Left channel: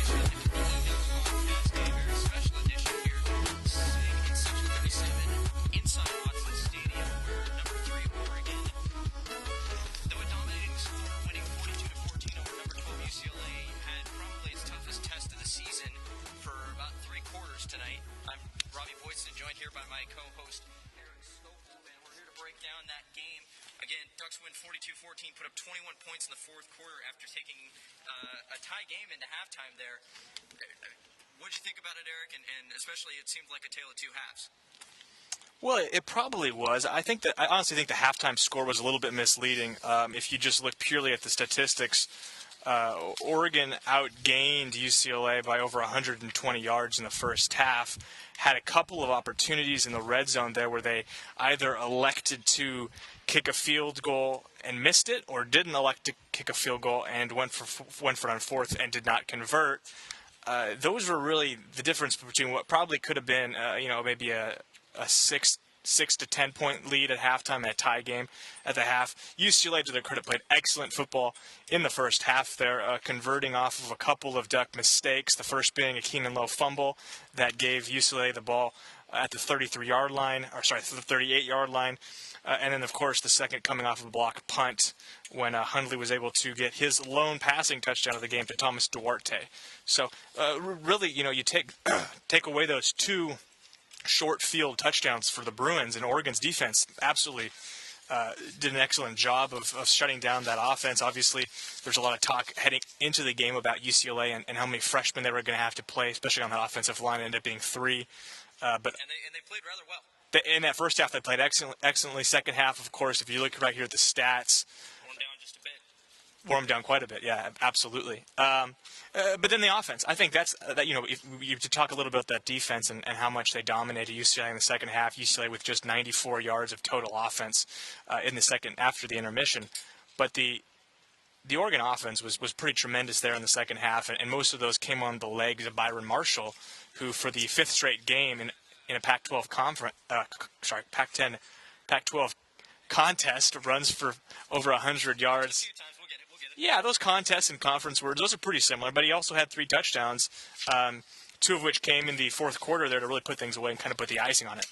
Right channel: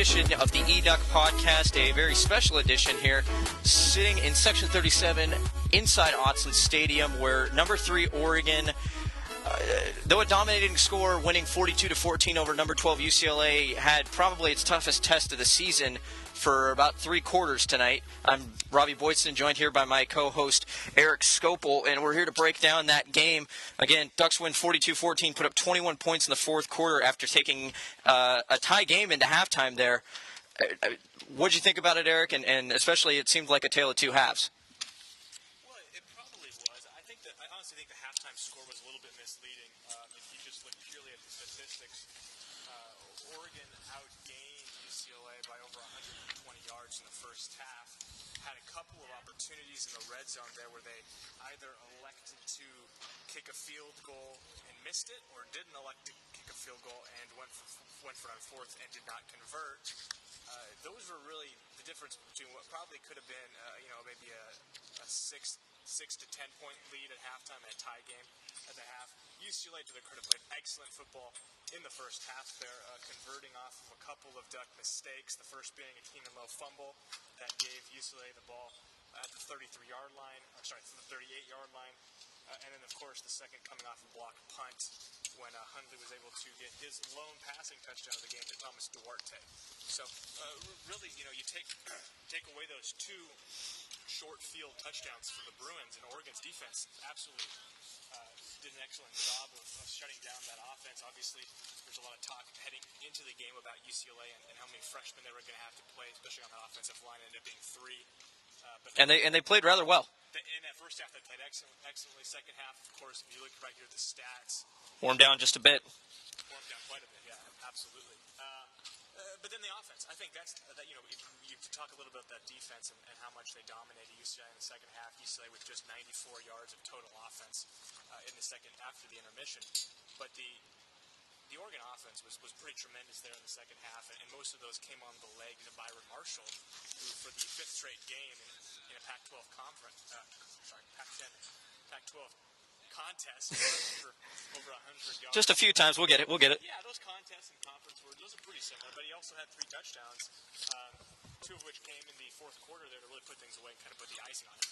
edition of the eDuck podcast, a very special edition here, sitting in Section 37 inside Autzen Stadium, where number 3 Oregon, though a dominating score, winning 42-14 over number 12 UCLA, had probably its toughest test of the season for about 3 quarters tonight. I'm Robby Boydson, joined here by my co-host Erik Skopel, and we're here to break down that game. Again, Ducks win 42-14, put up 21 points in the fourth quarter after taking a tie game into halftime there. What did you think about it, Erik? And especially, it seemed like a tale of two halves. Well, it probably was. I honestly think the halftime score was a little bit misleading. If you just look purely at the statistics, Oregon outgained UCLA by over 120 yards in the first half, had a couple of opportunities in the red zone there where they either elected to kick a field goal and missed it, or didn't elect to kick a field goal and went for it on fourth and did not convert. Those were really the difference between what probably could have been, maybe a 6 to 10 point lead at halftime and a tie game at the half. UCLA, to their credit, played excellent football in the first half there, converting off of a couple of Duck mistakes, the first being a Keenan Lowe fumble that gave UCLA the ball at the 38-yard line, and then, of course, the second coming off of a block punt when Hundley was able to get his lone passing touchdown of the game to Thomas Duarte. So, really, you take away those 2 short field touchdowns for the Bruins, and Oregon's defense absolutely did an excellent job of shutting down that offense. Obviously, there's a lot of talk heading into the game about UCLA and how many freshmen they were going to have to play, especially on that offensive line. It ended up being 3. And they played rather well. In that first half, they played excellently. Second half, of course, if you look right here at the stats, wore them down just a bit. Wore them down quite a bit, yeah, absolutely. But then the offense, I think if you talk a little bit about that defense and how much they dominated UCLA in the second half. UCLA with just 94 yards of total offense in the second after the intermission. But the Oregon offense was pretty tremendous there in the second half, and most of those came on the legs of Byron Marshall, who for the 5th straight game in a Pac-12 Pac-12 contest runs for over 100 yards. Just a few times. We'll get it. Yeah, those contests and conference words, those are pretty similar. But he also had 3 touchdowns, 2 of which came in the fourth quarter there to really put things away and kind of put the icing on it.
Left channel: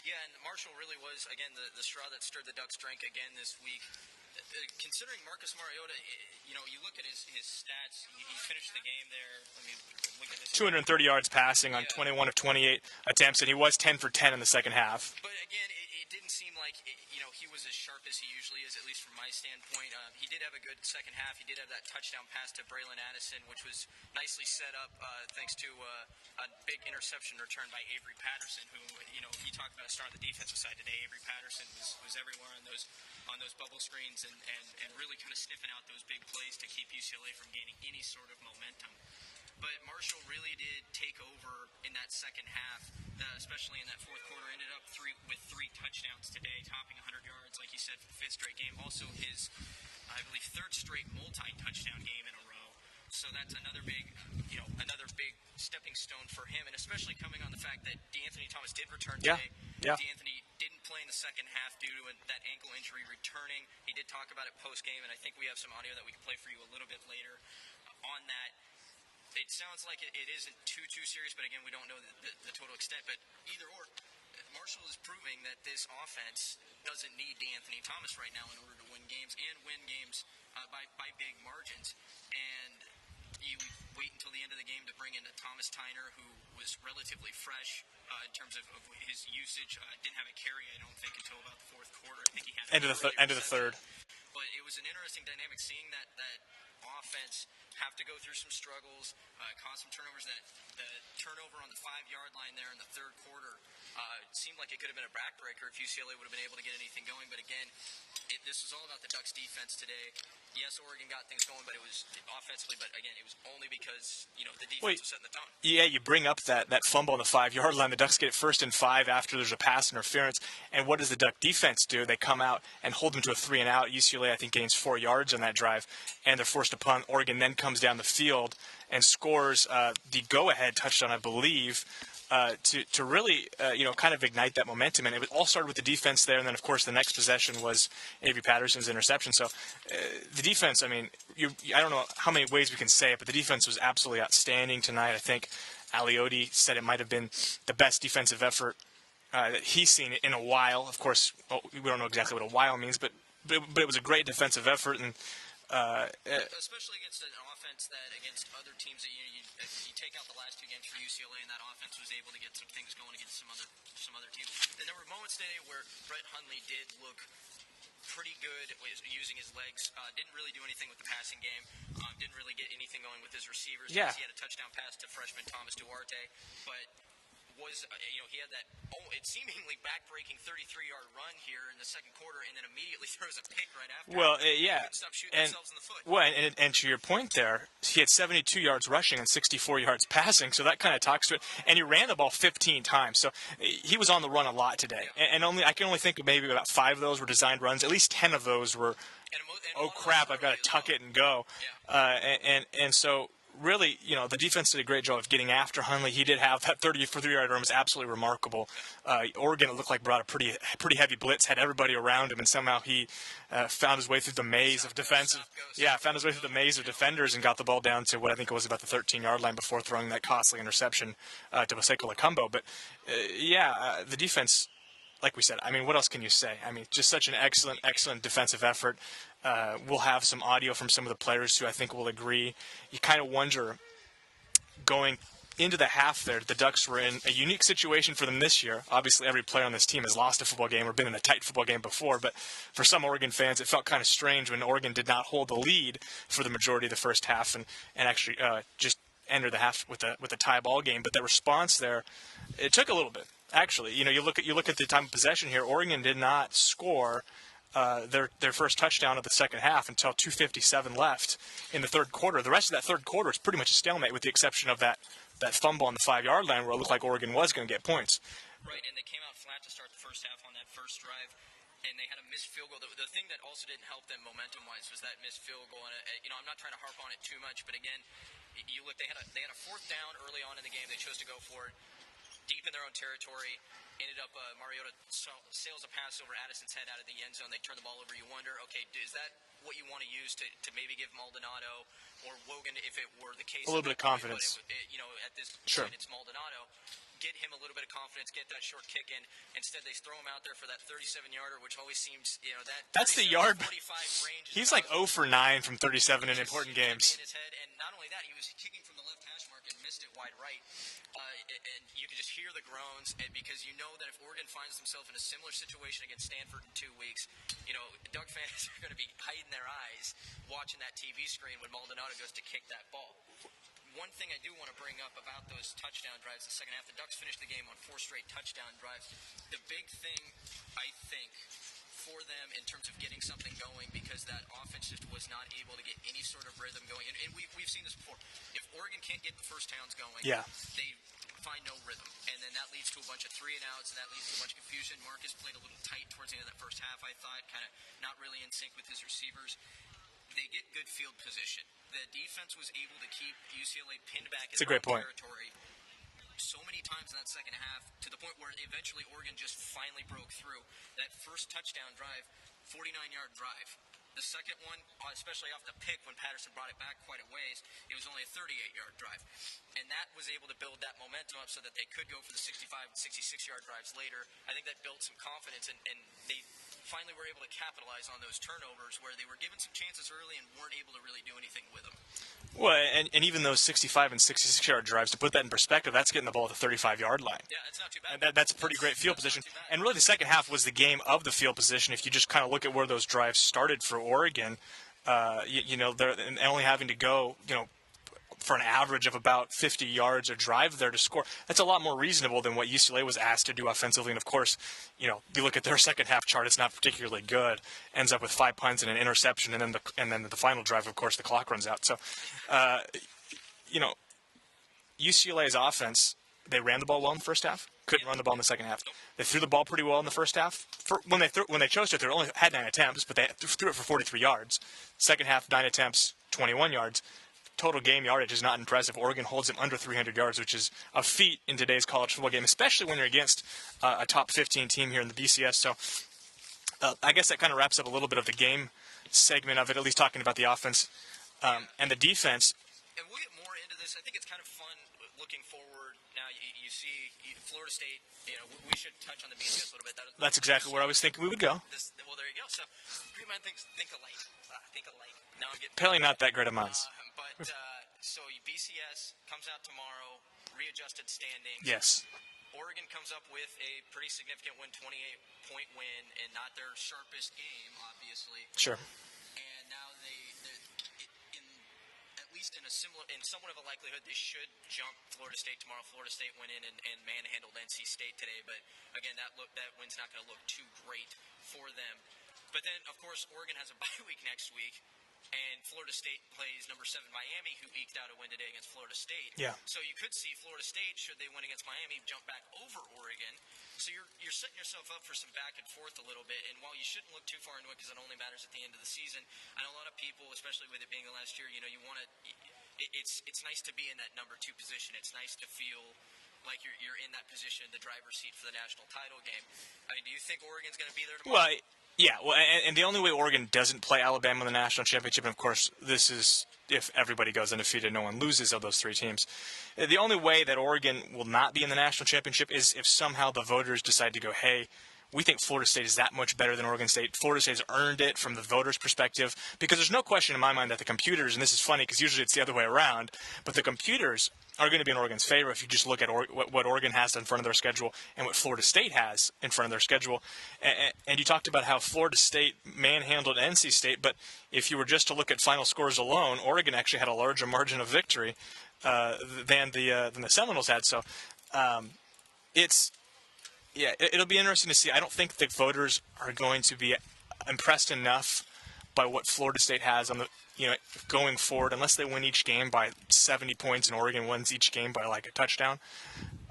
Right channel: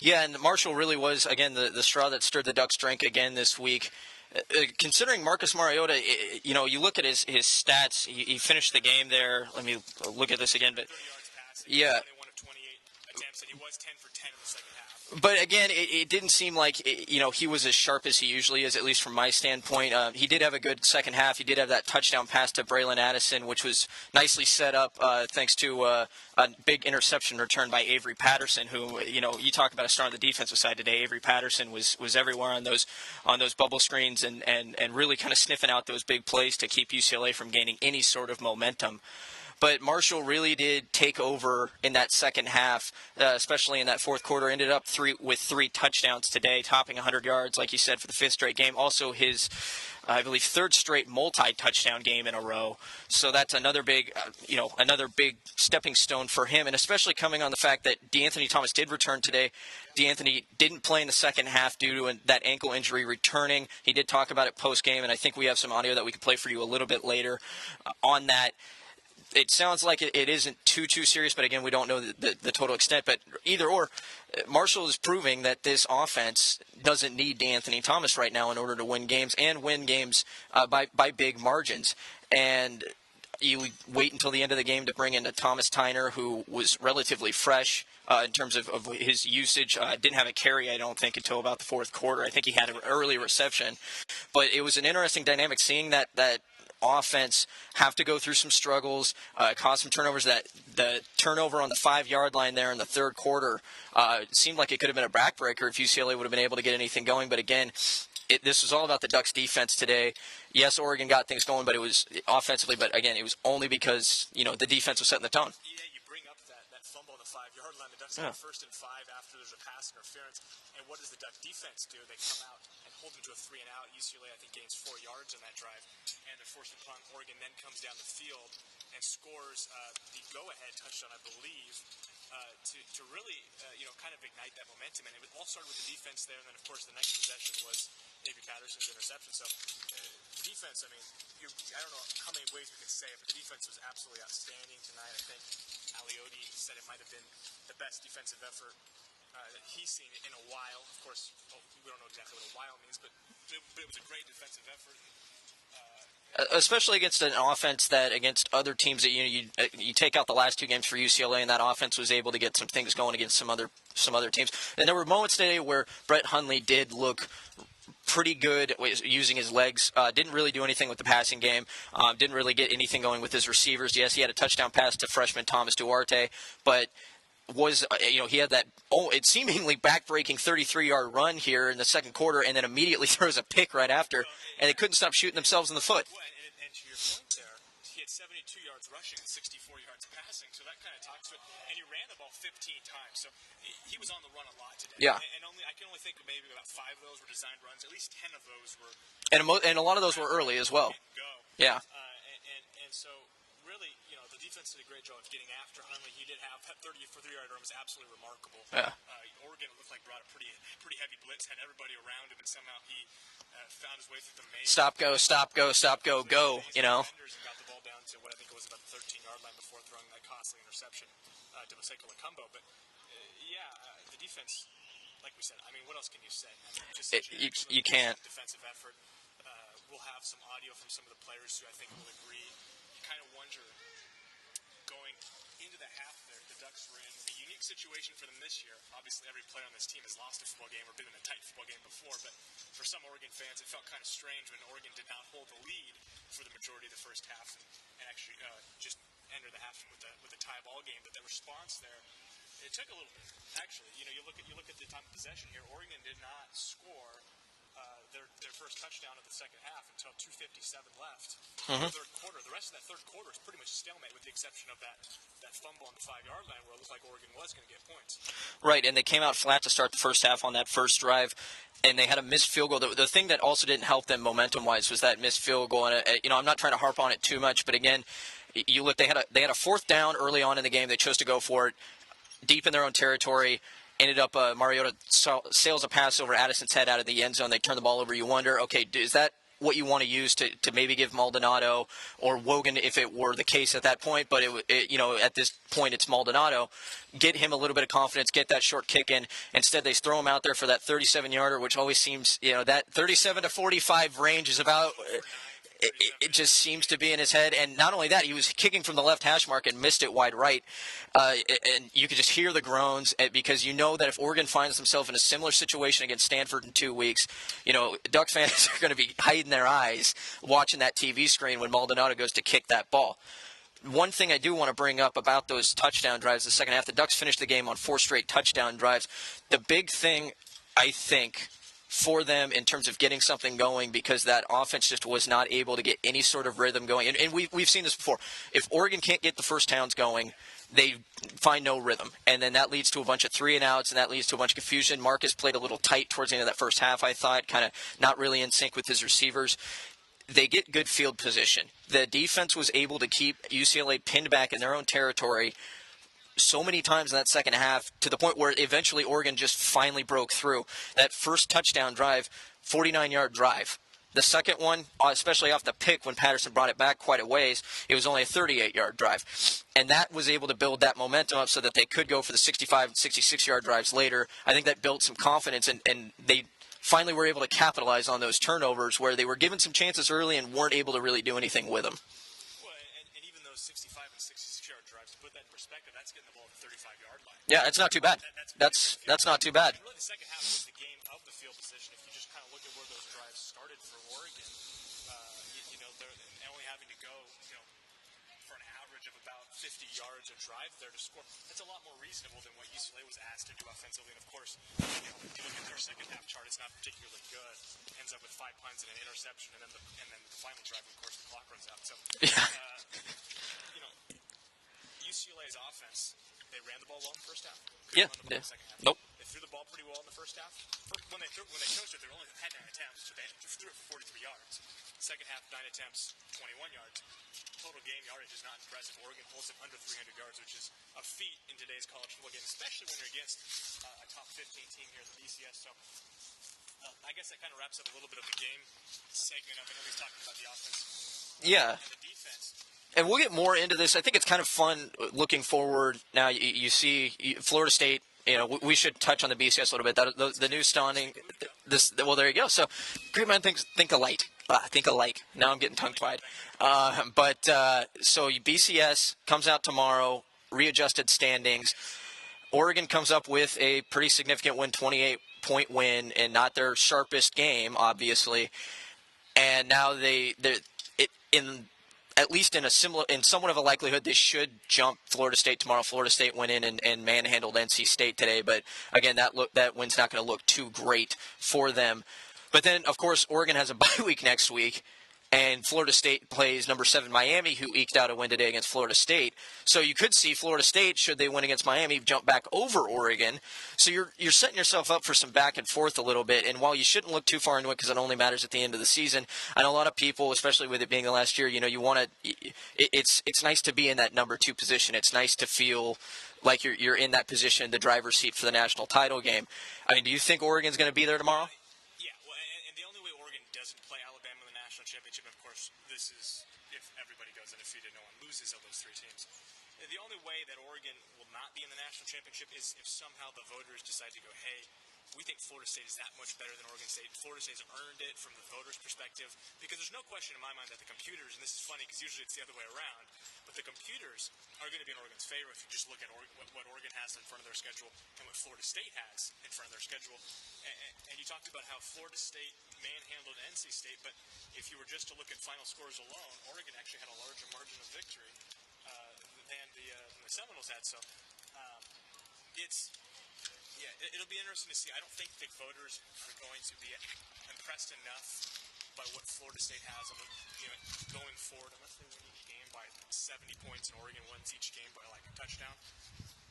Yeah, and Marshall really was, again, the straw that stirred the Ducks' drink again this week. Considering Marcus Mariota, you look at his stats. He finished the game there. Let me look at this again. 230 yards passing on 21 of 28 attempts, and he was 10 for 10 in the second half. But again, it didn't seem like he was as sharp as he usually is, at least from my standpoint. He did have a good second half. He did have that touchdown pass to Bralon Addison, which was nicely set up thanks to a big interception return by Avery Patterson, who you talk about a star on the defensive side today. Avery Patterson was everywhere on those bubble screens and really kind of sniffing out those big plays to keep UCLA from gaining any sort of momentum. But Marshall really did take over in that second half, especially in that fourth quarter. Ended up with 3 touchdowns today, topping 100 yards, like you said, for the 5th straight game. Also his, I believe, 3rd straight multi-touchdown game in a row. So that's another big stepping stone for him, and especially coming on the fact that DeAnthony Thomas did return today. Yeah. DeAnthony didn't play in the second half due to that ankle injury returning. He did talk about it post-game, and I think we have some audio that we can play for you a little bit later on that. It sounds like it isn't too serious, but again, we don't know the total extent. But either or, Marshall is proving that this offense doesn't need DeAnthony Thomas right now in order to win games and win games by big margins. And you wait until the end of the game to bring in a Thomas Tyner, who was relatively fresh in terms of his usage. Didn't have a carry, I don't think, until about the fourth quarter. I think he had an early reception. But it was an interesting dynamic seeing that offense have to go through some struggles, cause some turnovers. That the turnover on the 5-yard line there in the third quarter seemed like it could have been a backbreaker if UCLA would have been able to get anything going. But again, this was all about the Ducks' defense today. Yes, Oregon got things going, but it was offensively. But again, it was only because the defense was setting the tone. Yeah, you bring up that fumble on the 5-yard line. The Ducks get 1st and 5 after there's a pass interference. And what does the Duck defense do? They come out and hold them to a 3-and-out. UCLA, I think, gains 4 yards on that drive, and they're forced to punt. Oregon then comes down the field and scores the go-ahead touchdown, I believe, to really kind of ignite that momentum. And it all started with the defense there, and then of course the next possession was Avery Patterson's interception. So the defense, I mean, I don't know how many ways we can say it, but the defense was absolutely outstanding tonight. I think Alioti said it might have been the best defensive effort that he's seen in a while. Of course, we don't know exactly what a while means, but it was a great defensive effort, and especially against an offense that against other teams that you take out the last two games for UCLA, and that offense was able to get some things going against some other teams. And there were moments today where Brett Hundley did look pretty good using his legs. Didn't really do anything with the passing game. Didn't really get anything going with his receivers. Yeah. Yes, he had a touchdown pass to freshman Thomas Duarte, but was he had that it's seemingly back-breaking 33-yard run here in the second quarter, and then immediately throws a pick right after, and they couldn't stop shooting themselves in the foot. Well, and to your point there, he had 72 yards rushing and 64 yards passing, so that kind of talks to it. And he ran the ball 15 times, so he was on the run a lot today. Yeah. And I can only think of maybe about 5 of those were designed runs. At least 10 of those were. And a lot of those were early as well. Tuck it and go. Yeah. And so. Really, the defense did a great job of getting after Hundley. He did have that 33-yard run was absolutely remarkable. Yeah. Oregon, it looked like, brought a pretty heavy blitz, had everybody around him, and somehow he found his way through the maze of defense. Stop, go, Through the maze of defenders and got the ball down to what I think it was about the 13-yard line before throwing that costly interception to Ekpre-Olomu. But, the defense, like we said, I mean, what else can you say? I mean, just such an excellent defensive effort. We'll have some audio from some of the players who I think will agree. You kind of wonder, going into the half there, the Ducks were in a unique situation for them this year. Obviously, every player on this team has lost a football game or been in a tight football game before, but for some Oregon fans, it felt kind of strange when Oregon did not hold the lead for the majority of the first half and actually just enter the half with a tie ball game. But the response there, it took a little bit. Actually, you look at the time of possession here. Oregon did not score their first touchdown of the second half until 2:57 left in the third quarter. The rest of that third quarter is pretty much a stalemate, with the exception of that fumble on the 5-yard line where it looked like Oregon was going to get points. Right, and they came out flat to start the first half on that first drive, and they had a missed field goal. The thing that also didn't help them momentum-wise was that missed field goal. And I'm not trying to harp on it too much, but again, you look, they had a fourth down early on in the game. They chose to go for it deep in their own territory. Ended up Mariota sails a pass over Addison's head out of the end zone. They turn the ball over. You wonder, okay, is that what you want to use to maybe give Maldonado or Wogan, if it were the case at that point? But at this point, it's Maldonado. Get him a little bit of confidence, get that short kick in. Instead, they throw him out there for that 37-yarder, which always seems, that 37 to 45 range is He's about. He's like 0 for 9 from 37. It just seems to be in his head. And not only that, he was kicking from the left hash mark and missed it wide right. And you could just hear the groans because you know that if Oregon finds themselves in a similar situation against Stanford in 2 weeks, Duck fans are going to be hiding their eyes watching that TV screen when Maldonado goes to kick that ball. One thing I do want to bring up about those touchdown drives the second half, the Ducks finished the game on 4 straight touchdown drives. The big thing, I think, for them in terms of getting something going, because that offense just was not able to get any sort of rhythm going. And we've seen this before. If Oregon can't get the first downs going, they find no rhythm. And then that leads to a bunch of 3-and-outs, and that leads to a bunch of confusion. Marcus played a little tight towards the end of that first half, I thought, kind of not really in sync with his receivers. They get good field position. The defense was able to keep UCLA pinned back in their own territory so many times in that second half, to the point where eventually Oregon just finally broke through. That first touchdown drive, 49-yard drive. The second one, especially off the pick when Patterson brought it back quite a ways, it was only a 38-yard drive. And that was able to build that momentum up so that they could go for the 65 and 66-yard drives later. I think that built some confidence, and they finally were able to capitalize on those turnovers where they were given some chances early and weren't able to really do anything with them. Well, and even those 65 and 66-yard drives, to put that in perspective, that's getting the ball at the 35-yard line. Yeah, it's not too bad. That's pretty great field position. That's not too bad. And really, the second half was the game of the field position. If you just kind of look at where those drives started for Oregon, they're only having to go, for an average of about 50 yards a drive there to score. That's a lot more reasonable than what UCLA was asked to do offensively. And of course, if you look at their second half chart, it's not particularly good. Ends up with 5 punts and an interception, and then the final drive, of course, the clock runs out. So, UCLA's offense, they ran the ball well in the first half. Couldn't run the ball in the second half. Nope. They threw the ball pretty well in the first half. When they chose to, they only had 9 attempts, but they threw it for 43 yards. Second half, 9 attempts, 21 yards. total game yardage is not impressive. Oregon holds them under 300 yards, which is a feat in today's college football game, especially when you're against a top 15 team here in the BCS. So I guess that kind of wraps up a little bit of the game segment of it, at least talking about the offense and the defense. And we'll get more into this. I think it's kind of fun looking forward. Now you see Florida State. We should touch on the BCS a little bit. That's exactly where I was thinking we would go. Well, there you go. So, great man think alike. Think alike. Now I'm getting probably not that great of minds. So BCS comes out tomorrow, readjusted standings. Yes. Oregon comes up with a pretty significant win, 28-point win, and not their sharpest game, obviously. Sure. And now at least in somewhat of a likelihood, they should jump Florida State tomorrow. Florida State went in and manhandled NC State today, but again, that win's not going to look too great for them. But then, of course, Oregon has a bye week next week, and Florida State plays number 7 Miami, who eked out a win today against Florida State. Yeah. So you could see Florida State, should they win against Miami, jump back over Oregon. So you're setting yourself up for some back and forth a little bit. And while you shouldn't look too far into it because it only matters at the end of the season, I know a lot of people, especially with it being the last year, you want to. It's nice to be in that number 2 position. It's nice to feel like you're in that position, the driver's seat for the national title game. I mean, do you think Oregon's going to be there tomorrow? Well, yeah, and the only way Oregon doesn't play Alabama in the national championship, and of course this is if everybody goes undefeated, no one loses of those 3 teams. The only way that Oregon will not be in the national championship is if somehow the voters decide to go, hey, we think Florida State is that much better than Oregon State. Florida State has earned it from the voters' perspective, because there's no question in my mind that the computers, and this is funny because usually it's the other way around, but the computers are going to be in Oregon's favor if you just look at what Oregon has in front of their schedule and what Florida State has in front of their schedule. And you talked about how Florida State manhandled NC State, but if you were just to look at final scores alone, Oregon actually had a larger margin of victory than the Seminoles had. So it'll be interesting to see. I don't think the voters are going to be impressed enough by what Florida State has on the going forward, unless they win each game by 70 points and Oregon wins each game by like a touchdown.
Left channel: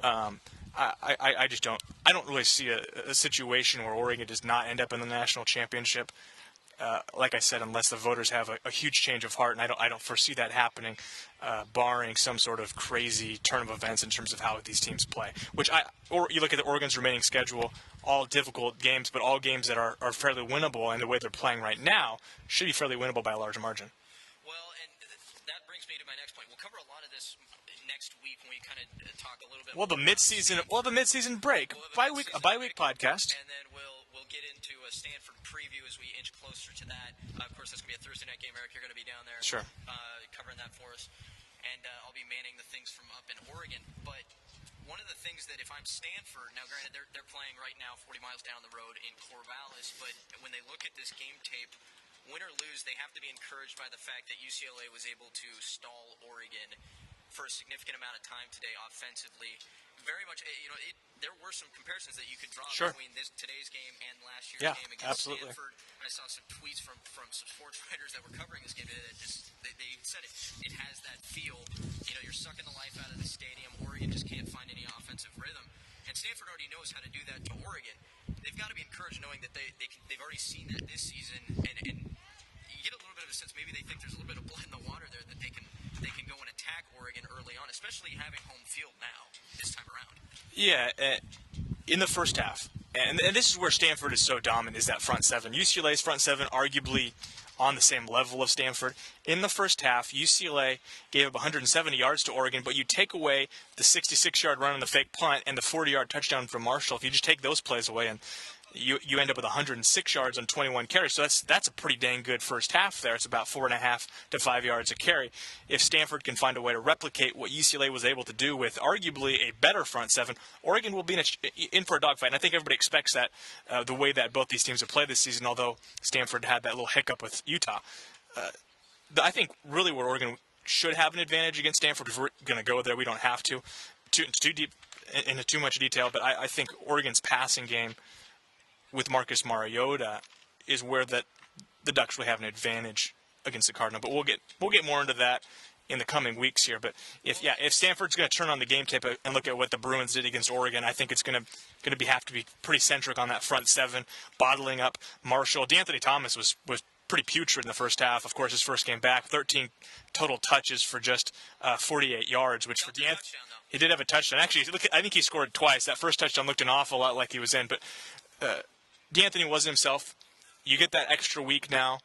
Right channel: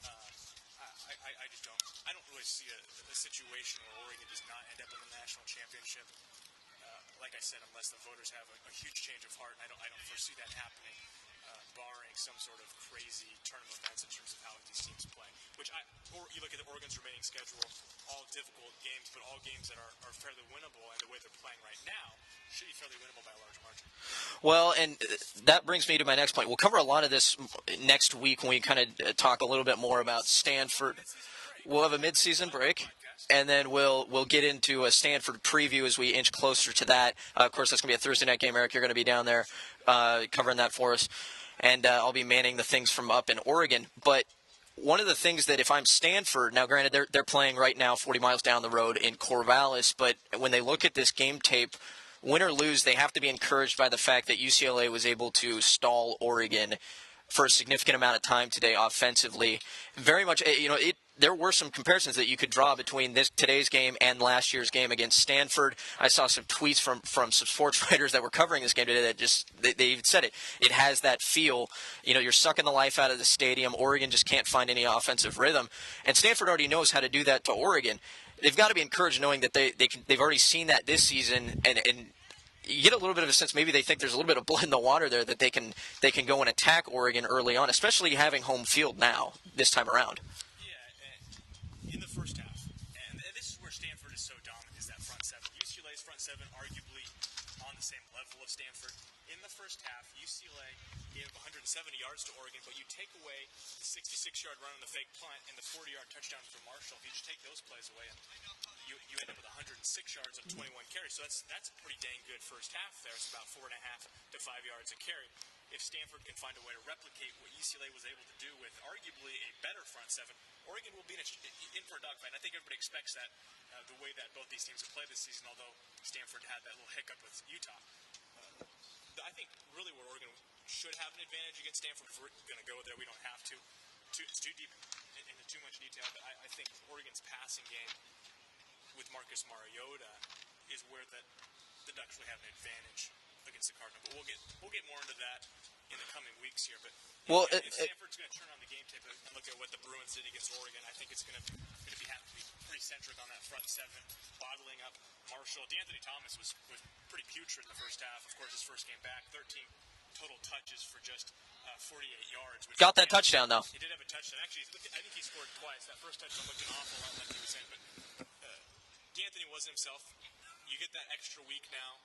I just don't. I don't really see a situation where Oregon does not end up in the national championship. Like I said, unless the voters have a huge change of heart, and I don't foresee that happening, barring some sort of crazy turn of events in terms of how these teams play. Or you look at the Oregon's remaining schedule, all difficult games, but all games that are fairly winnable, and the way they're playing right now should be fairly winnable by a large margin. Well, and that brings me to my next point. We'll cover a lot of this next week when we kind of talk a little bit more about Stanford. We'll have a mid-season break. We'll have a mid-season break podcast, and then we'll get into a Stanford preview as we inch closer to that. Of course, that's going to be a Thursday night game. Erik, you're going to be down there, sure, covering that for us, and I'll be manning the things from up in Oregon. But one of the things that if I'm Stanford, now granted they're playing right now 40 miles down the road in Corvallis, but when they look at this game tape, win or lose, they have to be encouraged by the fact that UCLA was able to stall Oregon for a significant amount of time today offensively. Very much, there were some comparisons that you could draw between today's game and last year's game against Stanford. I saw some tweets from some sports writers that were covering this game today that just they even said it. It has that feel. You're sucking the life out of the stadium. Oregon just can't find any offensive rhythm, and Stanford already knows how to do that to Oregon. They've got to be encouraged knowing that they've already seen that this season, and you get a little bit of a sense maybe they think there's a little bit of blood in the water there, that they can go and attack Oregon early on, especially having home field now this time around. Yeah, in the first half, and this is where Stanford is so dominant, is that front seven. UCLA's front seven arguably on the same level of Stanford. In the first half, UCLA gave up 170 yards to Oregon, but you take away the 66-yard run on the fake punt and the 40-yard touchdown from Marshall. If you just take those plays away, and you end up with 106 yards on 21 carries. So that's a pretty dang good first half there. It's about 4.5 to 5 yards a carry. If Stanford can find a way to replicate what UCLA was able to do with arguably a better front seven, Oregon will be in for a dogfight. And I think everybody expects that the way that both these teams have played this season, although Stanford had that little hiccup with Utah. I think really where Oregon should have an advantage against Stanford, if we're going to go there, we don't have to. Too deep into too much detail, but I think Oregon's passing game with Marcus Mariota is where the Ducks will have an advantage against the Cardinals. But we'll get more into that in the coming weeks here. But if Stanford's going to turn on the game tape and look at what the Bruins did against Oregon, I think it's going to have to be pretty centric on that front seven, bottling up Marshall. D'Anthony Thomas was pretty putrid in the first half. Of course, his first game back, 13 total touches for just 48 yards. Which got that touchdown, though. He did have a touchdown. Actually, I think he scored twice. That first touchdown looked an awful lot like he was in. But D'Anthony wasn't himself. You get that extra week now,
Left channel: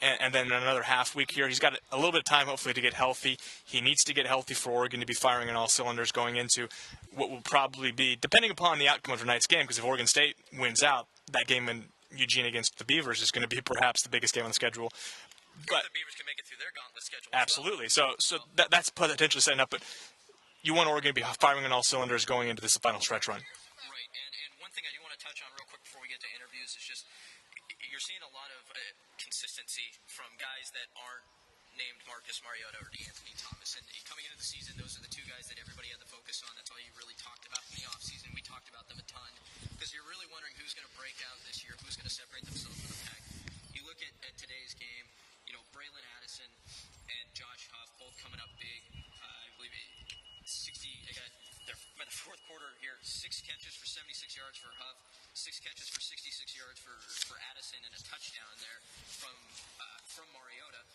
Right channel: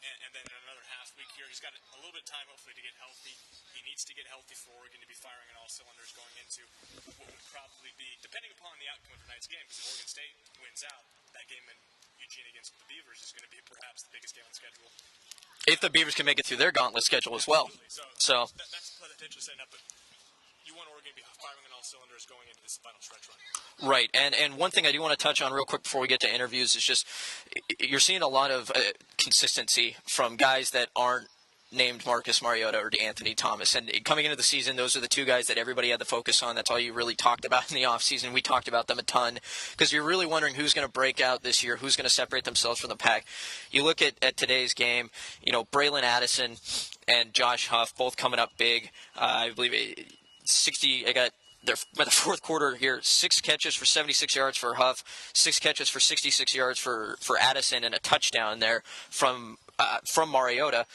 and then another half week here. He's got a little bit of time, hopefully, to get healthy. He needs to get healthy for Oregon to be firing on all cylinders going into what will probably be, depending upon the outcome of tonight's game, because if Oregon State wins out, that game in Eugene against the Beavers is going to be perhaps the biggest game on the schedule. If the Beavers can make it through their gauntlet schedule as well. Absolutely. So that's potentially setting up. But you want Oregon to be firing on all cylinders going into this final stretch run. Right. And one thing I do want to touch on real quick before we get to interviews is just you're seeing a lot of consistency from guys that aren't named Marcus Mariota or D'Anthony Thomas. And coming into the season, those are the two guys that everybody had the focus on. That's all you really talked about in the offseason. We talked about them a ton because you're really wondering who's going to break out this year, who's going to separate themselves from the pack. You look at today's game, Bralon Addison and Josh Huff both coming up big. I believe by the fourth quarter here, 6 catches for 76 yards for Huff, 6 catches for 66 yards for Addison, and a touchdown there from Mariota.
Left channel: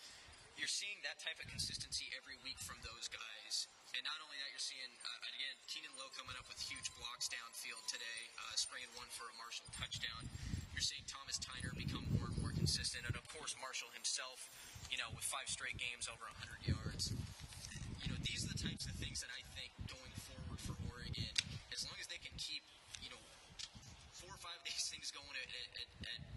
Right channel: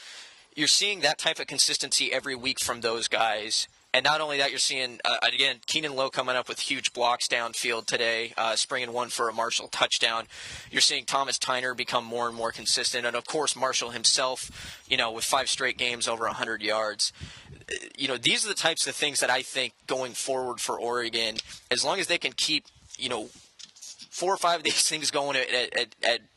You're seeing that type of consistency every week from those guys. And not only that, you're seeing, again, Keenan Lowe coming up with huge blocks downfield today, springing one for a Marshall touchdown. You're seeing Thomas Tyner become more and more consistent. And, of course, Marshall himself, with 5 straight games over 100 yards. These are the types of things that I think going forward for Oregon, as long as they can keep, 4 or 5 of these things going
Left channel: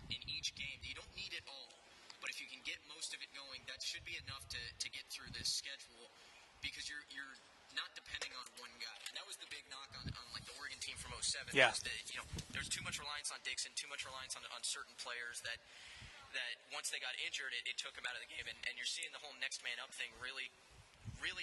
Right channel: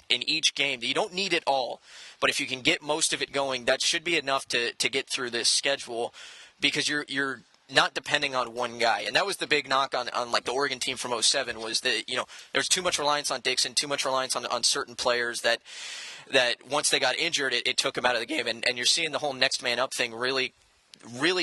in each game. You don't need it all. But if you can get most of it going, that should be enough to get through this schedule because you're not depending on one guy. And that was the big knock on like the Oregon team from 07 was that, there's too much reliance on Dixon, too much reliance on certain players that once they got injured, it took them out of the game. And you're seeing the whole next man up thing really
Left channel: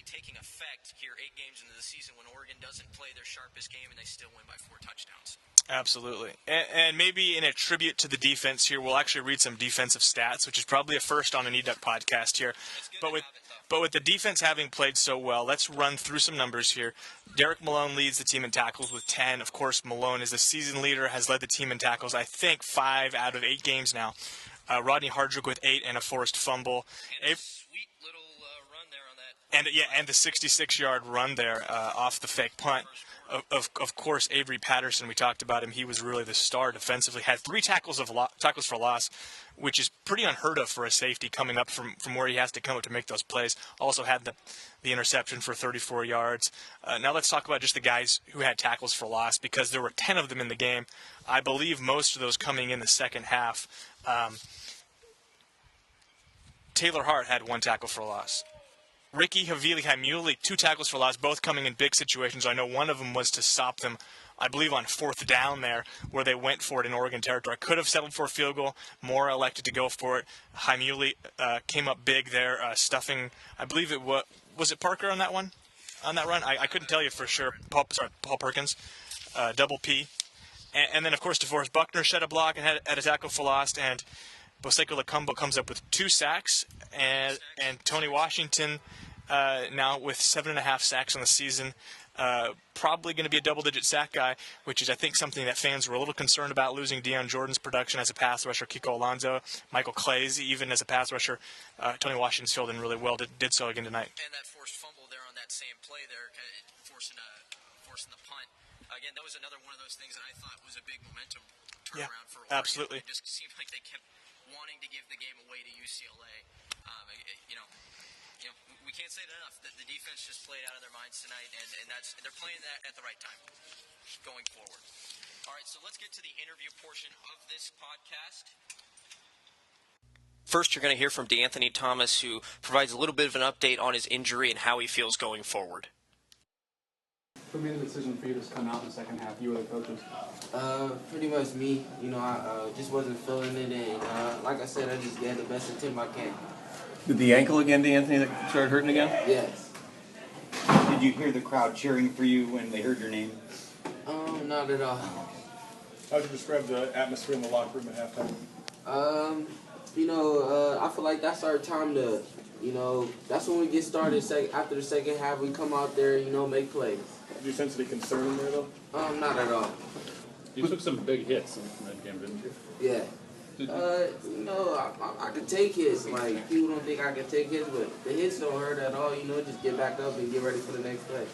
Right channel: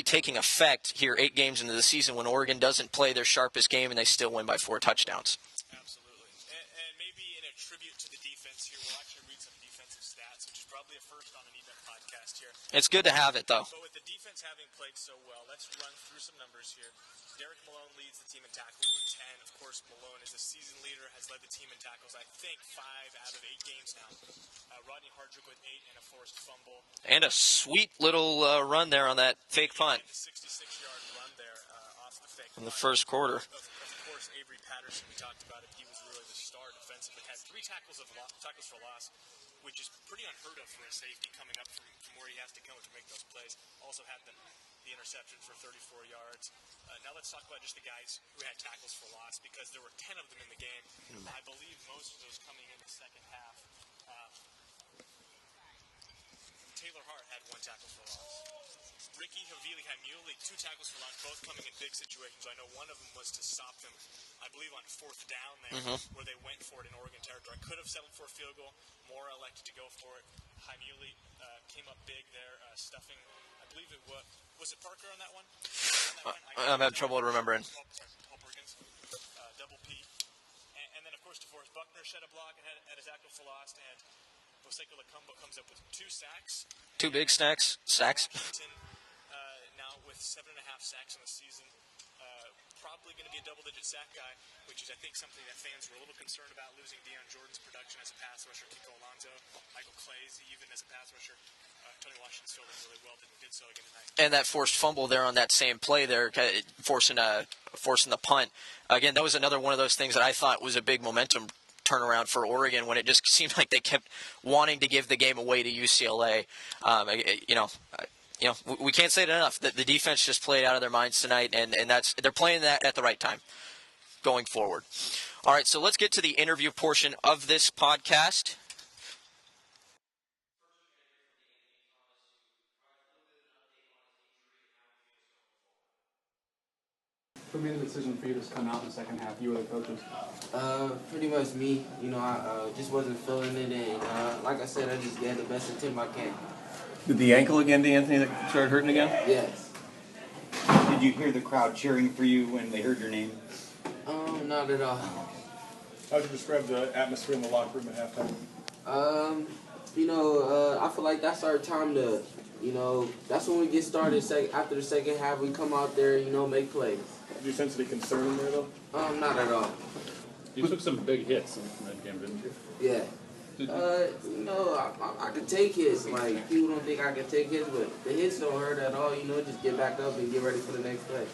taking effect here 8 games into the season when Oregon doesn't play their sharpest game and they still win by 4 touchdowns. Absolutely. And maybe in a tribute to the defense here, we'll actually read some defensive stats, which is probably a first on an eDuck podcast here. It's good to have it, though. But with the defense having played so well, let's run through some numbers here. Derek Malone leads the team in tackles with 10. Of course, Malone is the season leader, has led the team in tackles, I think, 5 out of 8 games now. Rodney Hardrick with 8 and a forced fumble. And a sweet little run there on that fake punt. And the 66-yard run there off the fake punt. First quarter. Of course, Avery Patterson, we talked about him. He was really the star defensively. Had 3 tackles for loss, which is pretty unheard of for a safety coming up from where he has to come up to make those plays. Also had the interception for 34 yards. Now let's talk about just the guys who had tackles for loss because there were 10 of them in the game. I believe most of those coming in the second half. Taylor Hart had 1 tackle for loss. Ricky Havili-Hamuli, 2 tackles for loss, both coming in big situations. I know one of them was to stop them, I believe, on 4th down there, where they went for it in Oregon territory. Could have settled for a field goal. Mora elected to go for it. Hamuli came up big there, stuffing, I believe it was it Parker on that one? On that run? I couldn't tell you for sure. Paul Perkins, double P. And then, of course, DeForest Buckner shed a block and had a tackle for loss, and Boseko Lacumbo comes up with 2 sacks. 2 big sacks. And Tony Washington now with 7.5 sacks on the season. Probably going to be a double-digit sack guy, which is, I think, something that fans were a little concerned about, losing Deion Jordan's production as a pass rusher, Kiko Alonso, Michael Clay's even as a pass rusher. Tony Washington's filled in really well, did so again tonight. And that forced fumble there on that same play there, forcing the punt. Again, that was another one of those things that I thought was a big momentum turnaround for Oregon. Absolutely. When it just seemed like they kept wanting to give the game away to UCLA. We can't say it enough. The defense just played out of their minds tonight, and they're playing that at the right time going forward. All right, so let's get to the interview portion of this podcast. First, you're going to hear from D'Anthony Thomas, who provides a little bit of an update on his injury and how he feels going forward. Who made the decision for you to come out in the second half? You or the coaches? Pretty much me. I just wasn't feeling it, and like I said, I just gave the best attempt I can. Did the ankle again, D'Anthony, that started hurting again? Yes. Did you hear the crowd cheering for you when they heard your name? Not at all. How would you describe the atmosphere in the locker room at halftime? I feel like that's our time to, that's when we get started. After the second half, we come out there, make plays. Did you sense any concern in there, though? Not at all. You took some big hits in that game, didn't you? Yeah. I could take hits. Like, people don't think I can take hits, but the hits don't hurt at all. Just get back up and get ready for the next play.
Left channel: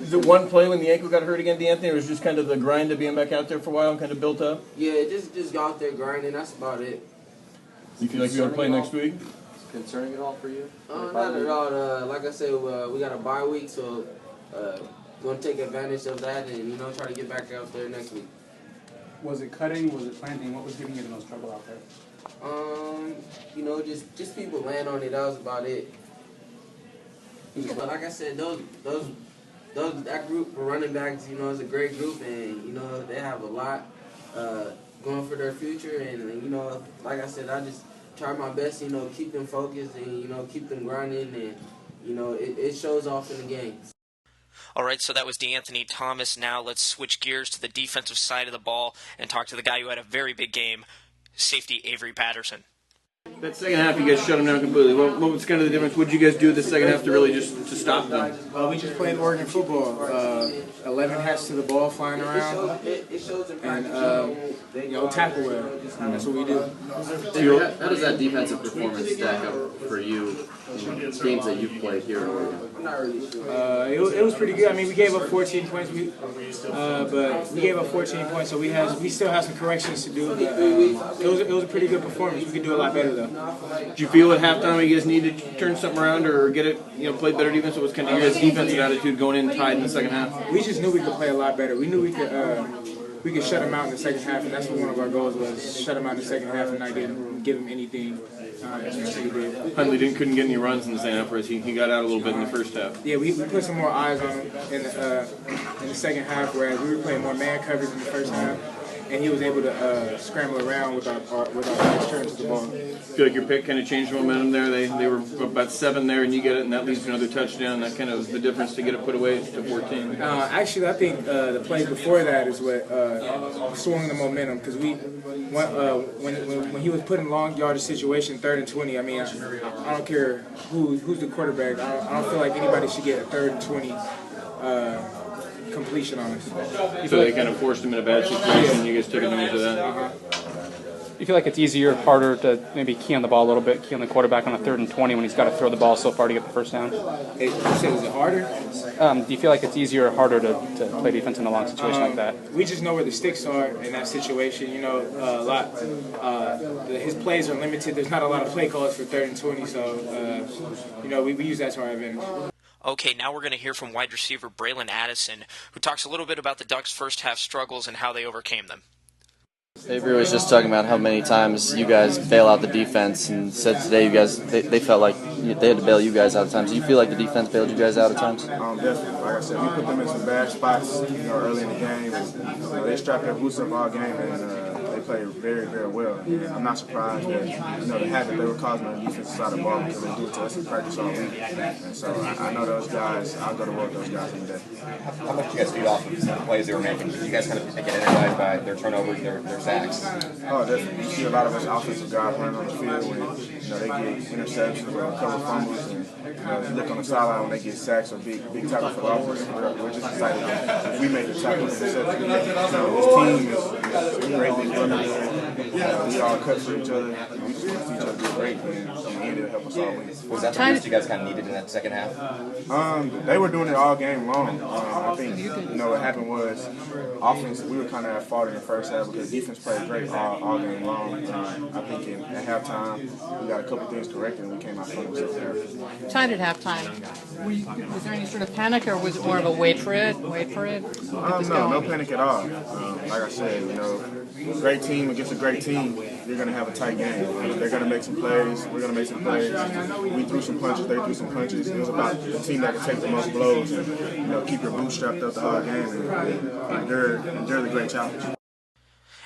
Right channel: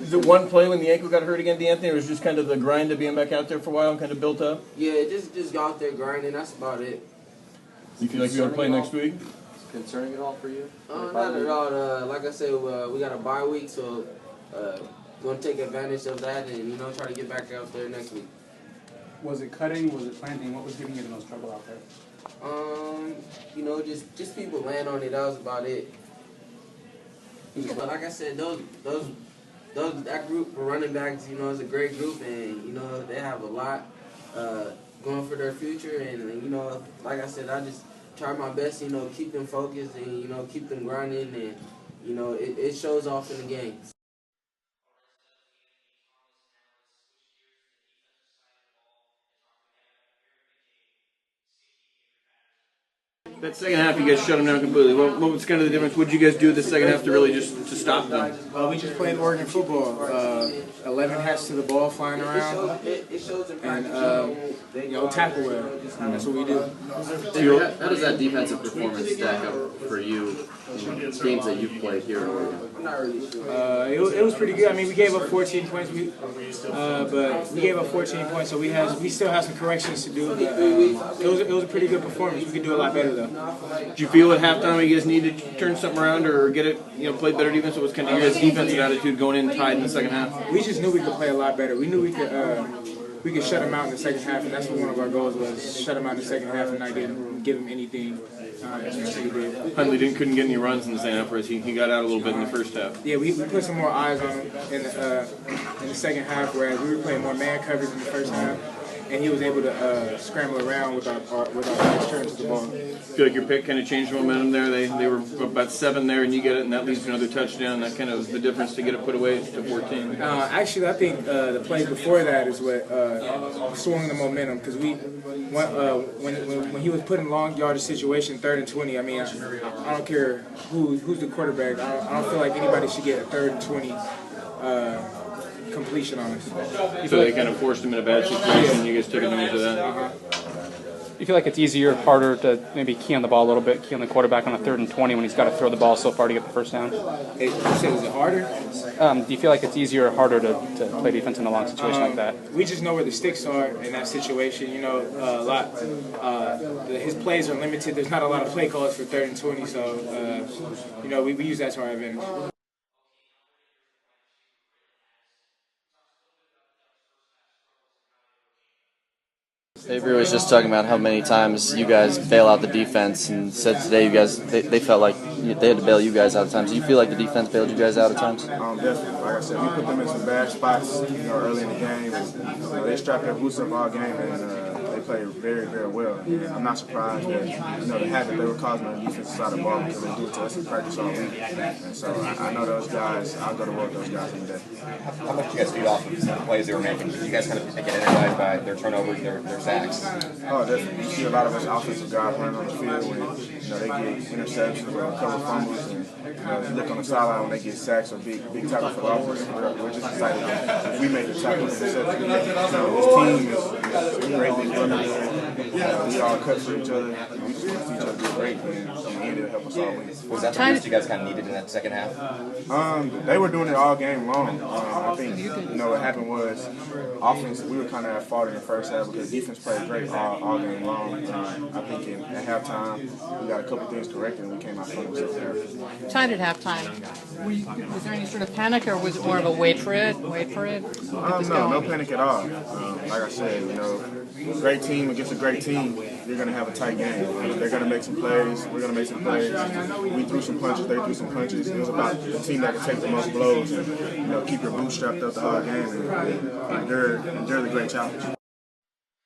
Is it one play when the ankle got hurt again, D'Anthony, or was it just kind of the grind of being back out there for a while and kind of built up? Yeah, just got out there grinding. That's about it. You feel like you're going to play next week? Concerning at all for you? Not at all. Like I said, we got a bye week, so going to take advantage of that and, try to get back out there next week. Was it cutting? Was it planting? What was giving you the most trouble out there? Just people land on it. That was about it. But like I said, that group of running backs, is a great group, and they have a lot going for their future. And like I said, I just try my best, keep them focused and keep them grinding, and it shows off in the games. All right, so that was D'Anthony Thomas. Now let's switch gears to the defensive side of the ball and talk to the guy who had a very big game, safety Avery Patterson. That second half, you guys shut them down completely. What was kind of the difference? What did you guys do the second half to really just to stop them? We just played Oregon football. 11 hats to the ball flying around, and tackle well. That's what we do. How does that defensive performance stack up for you in games that you've played here in Oregon? I'm not really sure. It was pretty good. I mean, we gave up 14 points, but we gave up 14 points, so we still have some corrections to do. But it was a pretty good performance. We could do a lot better though. Did you feel at halftime you guys needed to turn something around or get it, play better defense? What was kind of your guys' defensive attitude going in tied in the second half? We just knew we could play a lot better. We knew we could shut them out in the second half, and that's what one of our goals was: shut them out in the second half and not give them anything. Huntley couldn't get any runs in the second half, whereas he got out a little bit in the first half. Yeah, we put some more eyes on him in the second half, whereas we were playing more man coverage in the first half, and he was able to scramble around with our nice turns to the ball. I feel like your pick kind of changed the momentum there. They were about 7 there, and you get it, and that leads to another touchdown. That kind of was the difference to get it put away to 14. Actually, I think the play before that is what swung the momentum, because when he was put in long yardage situation, 3rd and 20. I mean, I don't care who's the quarterback. I don't feel like anybody should get a 3rd and 20 completion on us. So they kind of forced him in a bad situation, and you guys took advantage of that. You feel like it's easier, harder to maybe key on the ball a little bit, key on the quarterback on a 3rd and 20 when he's got to throw the ball so far to get the first down? You said, is it harder? Do you feel like it's easier or harder to play defense in a long situation like that? We just know where the sticks are in that situation. His plays are limited. There's not a lot of play calls for 3rd and 20, so we use that to our advantage. Okay, now we're going to hear from wide receiver Bralon Addison, who talks a little bit about the Ducks' first half struggles and how they overcame them. Avery was just talking about how many times you guys bail out the defense, and said today you guys they felt like they had to bail you guys out at times. Do you feel like the defense bailed you guys out at times? Definitely. Like I said, we put them in some bad spots, early in the game. And, they strapped their boots up all game, and they played very, very well. And I'm not surprised that the habit they were causing on the defensive side of the ball, because they do it to us in practice all week. And so I know those guys. I'll go to work with those guys in the day. How much do you guys feed off of the plays they were making? Did you guys kind of get energized by their turnovers, their sacks? Oh, definitely. You see a lot of us offensive guys running on the field when they get interceptions or cover fumbles, and if you look on the sideline when they get sacks or big tackle for the offense, we're just excited that if we make the tackle interception, this team is great. Big runners. We all cut for each other. We just want to see each other do great, and it'll help us all win. Was that the boost you guys kind of needed in that second half? They were doing it all game long. I think what happened was offense. We were kind of at fault in the first half because defense played great all game long. I think at halftime we got a couple things corrected and we came out strong in the second half. Tied at halftime. Was there any sort of panic, or was it more of a wait for it? No panic at all. Like I said, great team against a great team, you're going to have a tight game. They're going to make some plays. We're going to make some plays. We threw some punches. They threw some punches. It was about the team that could take the most blows and keep your boots strapped up the whole game and endure the great challenge.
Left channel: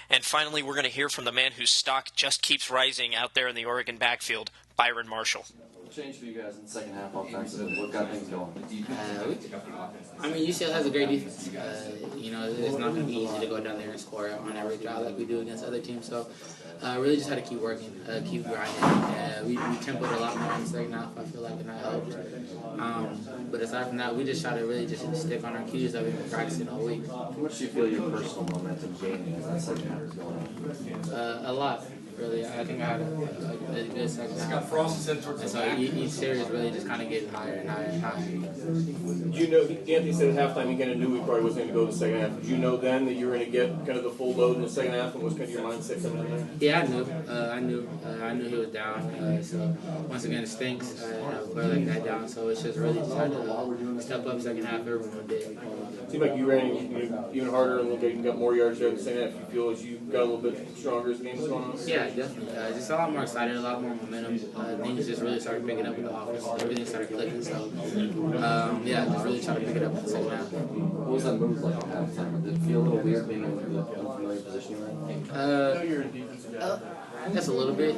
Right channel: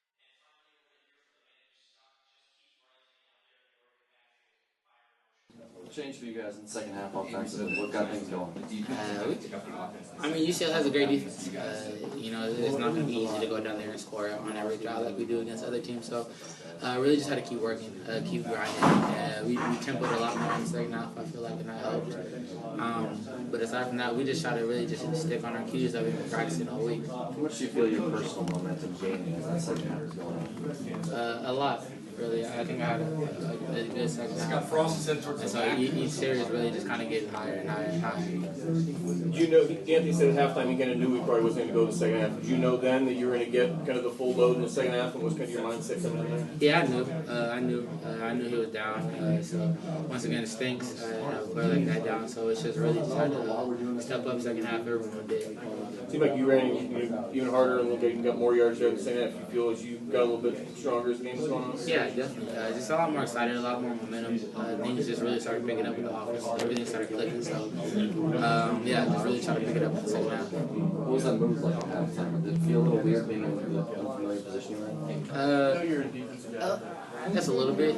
And finally, we're going to hear from the man whose stock just keeps rising out there in the Oregon backfield, Byron Marshall. What changed for you guys in the second half offensively? What got things going? UCLA has a great defense. It's not going to be easy to go down there and score on every drive like we do against other teams. So, really just had to keep working, keep grinding. We tempoed a lot more in the second half, I feel like, and that helped. But aside from that, we just try to really just stick on our cues that we've been practicing all week. How much do you feel your personal momentum gaining as that second half is going on? A lot. really. I think I had a good second half. And so each series really just kind of getting higher and higher and higher. You know, Anthony said at halftime he kind of knew he probably wasn't going to go the second half. Did you know then that you were going to get kind of the full load in the second half, and was kind of your mindset coming in there? Yeah, I knew he was down. So once again, it stinks. I have a player like that down. So it's just really just had to step up second half. Everyone did. It seemed like you ran even harder and looked like you got more yards there in the second half. You feel as you got a little bit stronger as the game was going on? Yeah, definitely. Just a lot more excited, a lot more momentum. Things just really started picking up with the offense. Everything started clicking. So yeah, just really trying to pick it up in the second half. What was that move like at halftime? Did it feel a little weird being in the unfamiliar position you're in? I guess a little bit.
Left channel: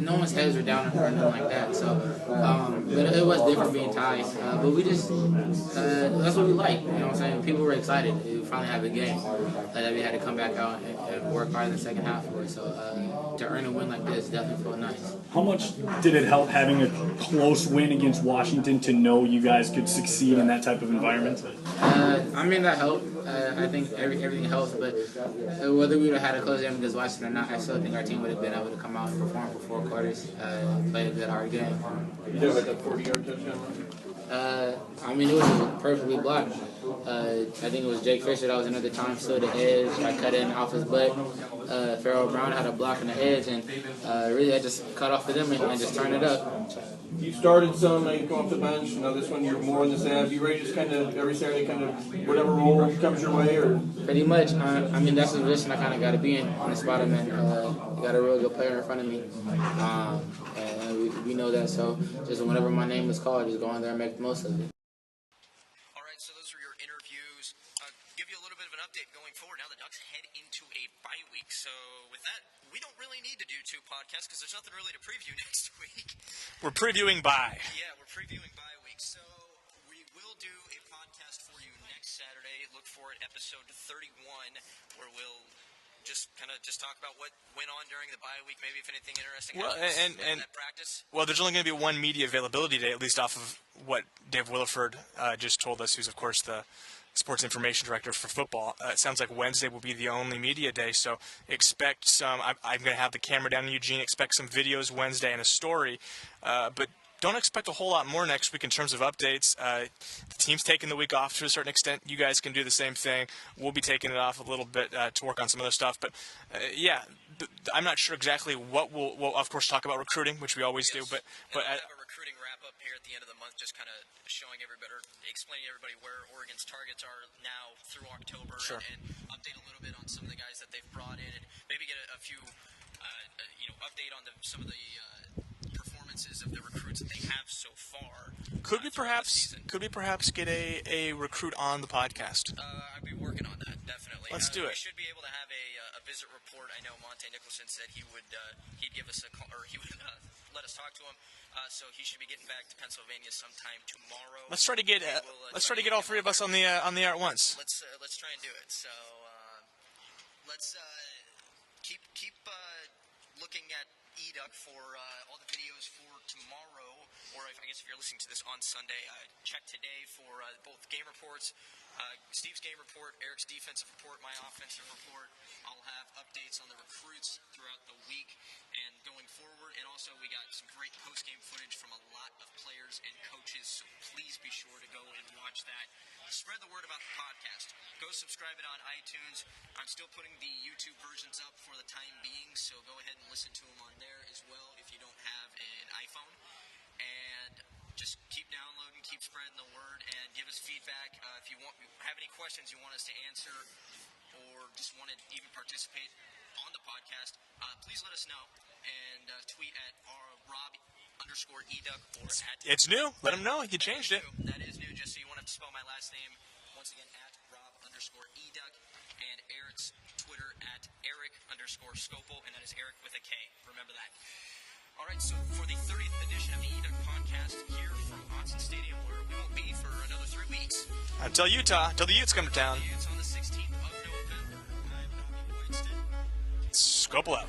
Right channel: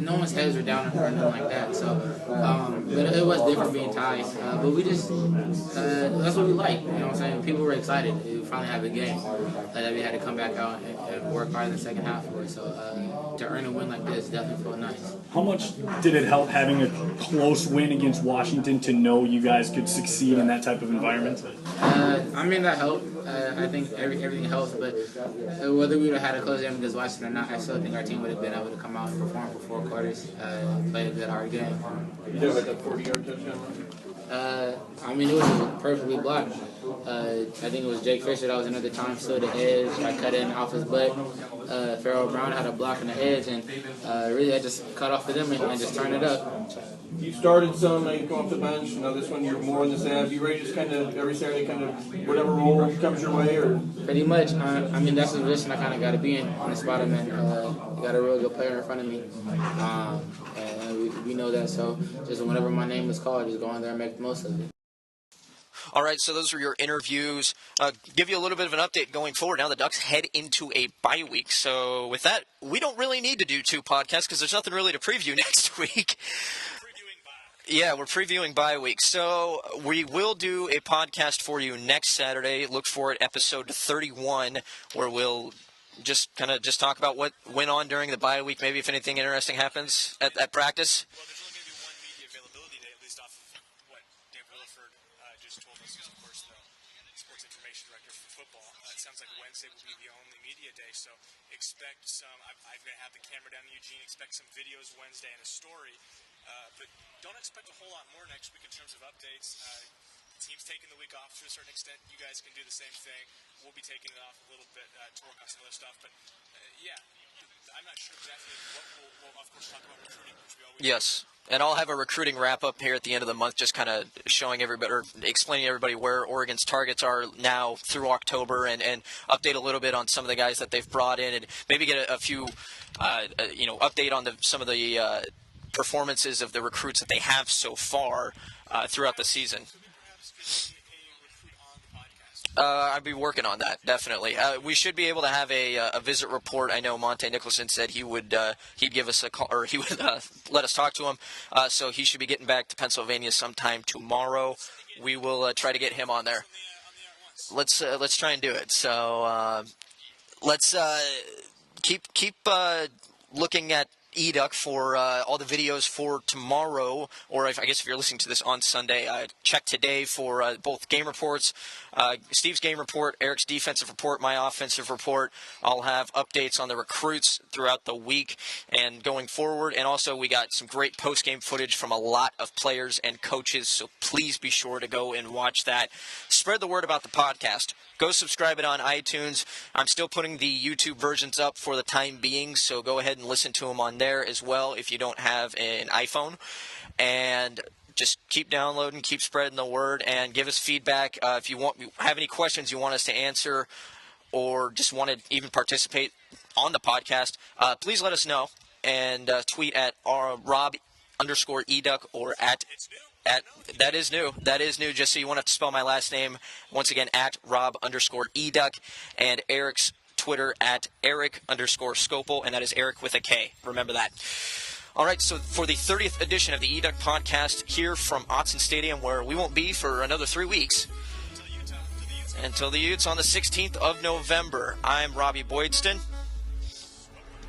No one's heads were down or anything like that. So, but it was different being tied. But we just, that's what we like. You know what I'm saying? People were excited. We finally have a game that we had to come back out and work hard in the second half for it. So to earn a win like this definitely felt nice. How much did it help having a close win against Washington to know you guys could succeed in that type of environment? I mean, that helped. I think everything helps, but whether we would have had a close game against Washington or not, I still think our team would have been able to come out and perform for 4 quarters, play a good hard game. You know about that 40-yard touchdown? I mean, it was perfectly blocked. I think it was Jake Fisher that was another time stood the edge. I cut in off his butt. Pharaoh Brown had a block on the edge, and really I just cut off of them and just turned it up. You started some, now you come off the bench. Now this one you're more in the half. You ready to just kind of every Saturday, kind of whatever role comes your way, or? Pretty much. I mean, that's the position I kind of got to be in on the spot I'm in. You got a real good player in front of me, and we know that. So just whenever my name is called, just go in there and make the most of it. All right, so those are your interviews. Give you a little bit of an update going forward. Now the Ducks head into a bye week. So with that, we don't really need to do 2 podcasts because there's nothing really to preview next week. We're previewing bye. Yeah, we're previewing bye week. So we will do a podcast for you next Saturday. Look for it, episode 31, where we'll just talk about what went on during the bye week, maybe if anything interesting happens at practice. Well, there's only going to be one media availability day, at least off of what Dave Williford just told us, who's, of course, the sports information director for football. It sounds like Wednesday will be the only media day, so expect some – I'm going to have the camera down in Eugene. Expect some videos Wednesday and a story, but don't expect a whole lot more next week in terms of updates. The team's taking the week off to a certain extent. You guys can do the same thing. We'll be taking it off a little bit to work on some other stuff. But, yeah, I'm not sure exactly what we'll, of course, talk about recruiting, which we always do. And I'll have a recruiting wrap-up here at the end of the month, just kind of showing everybody, or explaining to everybody where Oregon's targets are now through October, and update a little bit on some of the guys that they've brought in, and maybe get a few, update on some of the performances of the recruits that they have so far throughout the season. Could we perhaps get a recruit on the podcast? I'd be working on that, definitely. We should be able to have a visit report. I know Monte Nicholson said he'd give us a call, or he would let us talk to him. So he should be getting back to Pennsylvania sometime tomorrow. Let's try to get. We will try to get him on there. Let's try to get all 3 of us on the air at once. Let's try and do it. So let's keep looking at eDuck for all the videos for tomorrow, or I guess if you're listening to this on Sunday, check today for both game reports, Steve's game report, Erik's defensive report, my offensive report. I'll have updates on the recruits throughout the week and going forward, and also we got some great post-game footage from a lot of players and coaches, so please be sure to go and watch that. Spread the word about the podcast. Go subscribe it on iTunes. I'm still putting the YouTube versions up for the time being, so go ahead and listen to them on there as well if you don't have an iPhone. And just keep downloading, keep spreading the word, and give us feedback. If you have any questions you want us to answer, or just want to even participate on the podcast, please let us know and tweet at Rob_eDuck or at. It's new. Let them know. That is new. That is new. Just so you won't have to spell my last name once again, at Rob_eDuck, and Erik's Twitter at Erik_Scopel, and that is Erik with a K. Remember that. All right, so for the 30th edition of the eDuck podcast here from Autzen Stadium, where we won't be for another 3 weeks. Until Utah. Until the Utes come down. Until the Utes on the 16th of November. I'm Robby Boydston. Scopel out.